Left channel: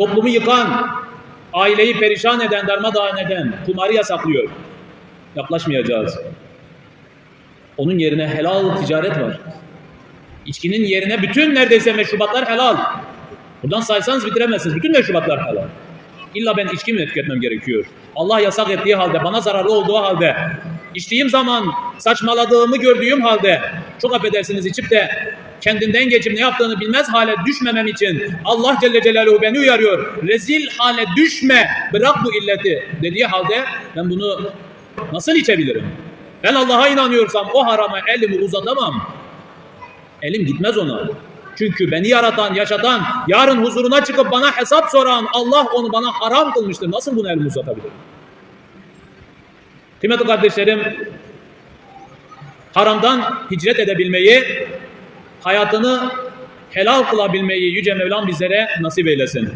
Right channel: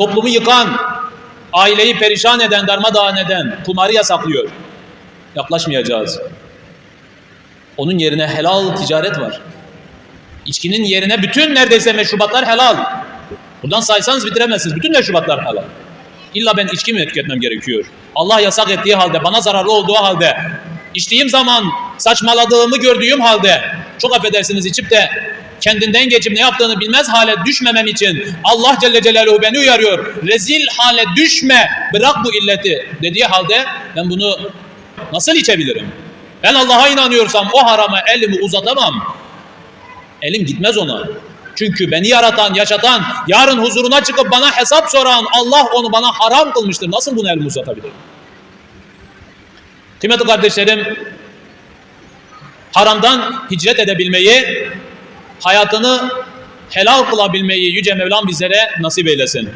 toplumu yıkan, aileyi perişan eden, darmadağın eden kumarı yasaklıyor. Yaklaşmayacağız. Onun yerine helal ticaret var. İçkinin yerine bütün neredeyse meşrubatlar helal. Buradan saysanız bitiremezsiniz. Bütün meşrubatlar helal. İlla ben içki mi tüketmem gerekiyor? Allah yasak ettiği halde, bana zararlı olduğu halde, içtiğim zaman saçmaladığımı gördüğüm halde, çok affedersiniz içip de kendinden geçip ne yaptığını bilmez hale düşmemem için Allah Celle Celaluhu beni uyarıyor. Rezil hale düşme, bırak bu illeti dediği halde ben bunu nasıl içebilirim? Ben Allah'a inanıyorsam o harama elimi uzatamam. Elim gitmez ona. Çünkü beni yaratan, yaşatan, yarın huzuruna çıkıp bana hesap soran Allah onu bana haram kılmıştır. Nasıl bunu elimi uzatabilirim? Kıymetli kardeşlerim, haramdan hicret edebilmeyi, hayatını helal kılabilmeyi Yüce Mevlam bizlere nasip eylesin.